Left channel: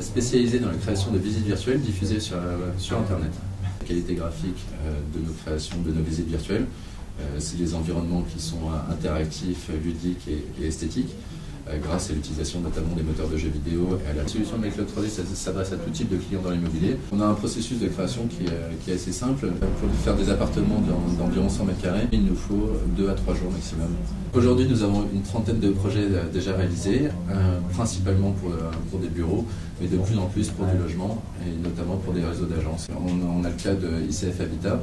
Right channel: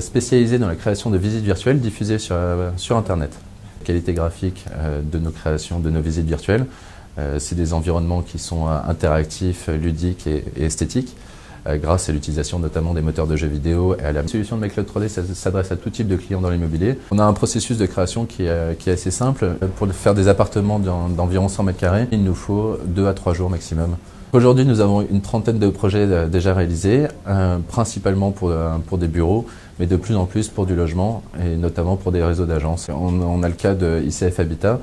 spécialisé dans la création de visites virtuelles diffusées sur Internet. La qualité graphique de nos créations, de nos visites virtuelles, c'est des environnements qui sont interactifs, ludiques et esthétiques, grâce à l'utilisation notamment des moteurs de jeux vidéo et à la solution de MyCloud 3D s'adresse à tout type de clients dans l'immobilier. On a un processus de création qui est assez simple. Pour faire des appartements d'environ 100 m², il nous faut 2 à 3 jours maximum. Aujourd'hui, nous avons une trentaine de projets déjà réalisés, principalement pour des bureaux, mais de plus en plus pour du logement et notamment pour des réseaux d'agences. On a le cas de ICF Habitat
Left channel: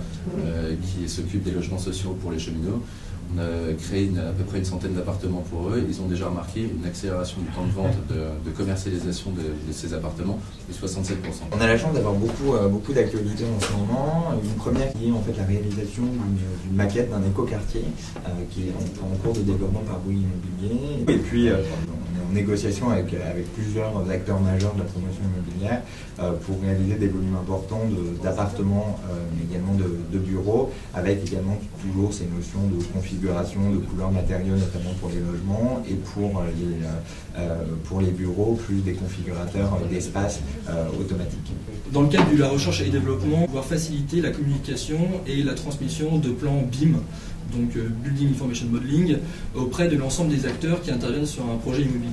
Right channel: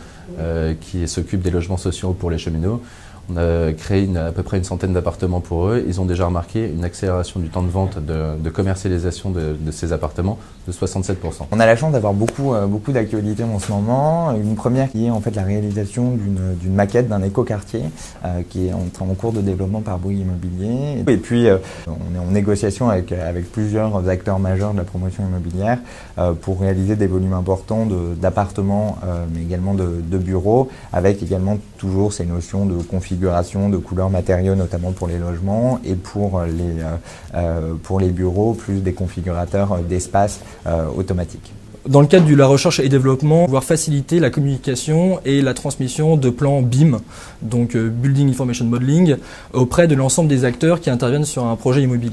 qui s'occupe des logements sociaux pour les cheminots. On a créé à peu près une centaine d'appartements pour eux. Ils ont déjà remarqué une accélération du temps de vente, de commercialisation de ces appartements de 67%. On a la chance d'avoir beaucoup d'actualités en ce moment. Une première qui est en fait la réalisation d'une maquette d'un écoquartier qui est en cours de développement par Bouygues Immobilier. Et puis on est en négociation avec plusieurs acteurs majeurs de la promotion immobilière pour réaliser des volumes importants d'appartements mais également de bureaux, avec également toujours ces notions de configuration, de couleurs, matériaux, notamment pour les logements, et pour les bureaux, plus des configurateurs d'espace automatiques. Dans le cadre de la recherche et développement, pouvoir faciliter la communication et la transmission de plans BIM, donc Building Information Modeling, auprès de l'ensemble des acteurs qui interviennent sur un projet immobilier.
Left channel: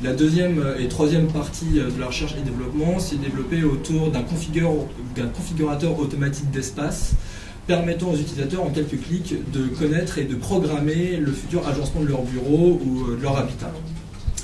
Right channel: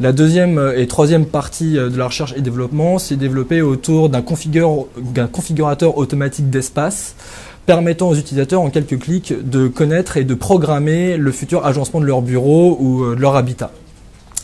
La deuxième et troisième partie de la recherche et développement, c'est développé autour d'un configurateur automatique d'espace, permettant aux utilisateurs en quelques clics de connaître et de programmer le futur agencement de leur bureau ou de leur habitat.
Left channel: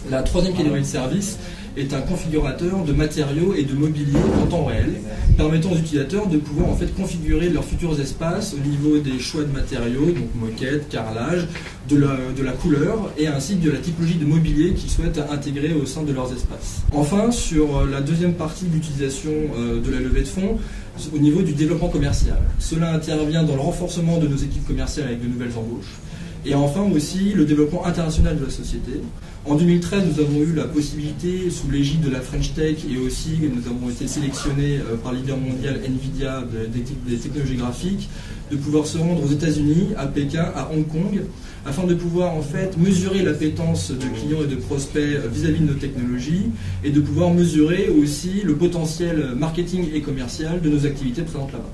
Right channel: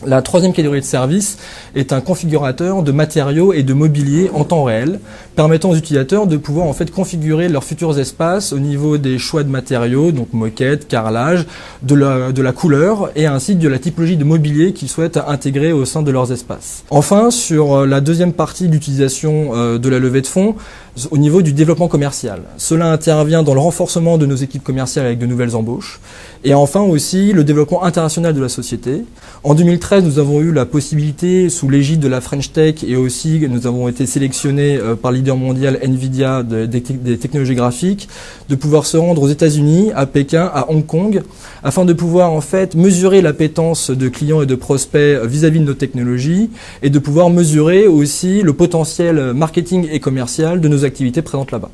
La troisième catégorie de service est un configurateur de matériaux et de mobilier en temps réel, permettant aux utilisateurs de pouvoir en fait configurer leurs futurs espaces au niveau des choix de matériaux, donc moquette, carrelage, de la couleur et ainsi de la typologie de mobilier qu'ils souhaitent intégrer au sein de leurs espaces. Enfin, sur la deuxième partie d'utilisation de la levée de fonds, au niveau du développement commercial. Cela intervient dans le renforcement de nos équipes commerciales avec de nouvelles embauches. Et enfin aussi le développement international de la société. En 2013, nous avons eu la possibilité, sous l'égide de la French Tech, et aussi nous avons été sélectionnés par le leader mondial Nvidia des technologies graphiques, de pouvoir se rendre aux États-Unis, à Pékin, à Hong Kong, afin de pouvoir en fait mesurer l'appétence de clients et de prospects vis-à-vis de nos technologies, et de pouvoir mesurer aussi le potentiel marketing et commercial de nos activités présentes là-bas.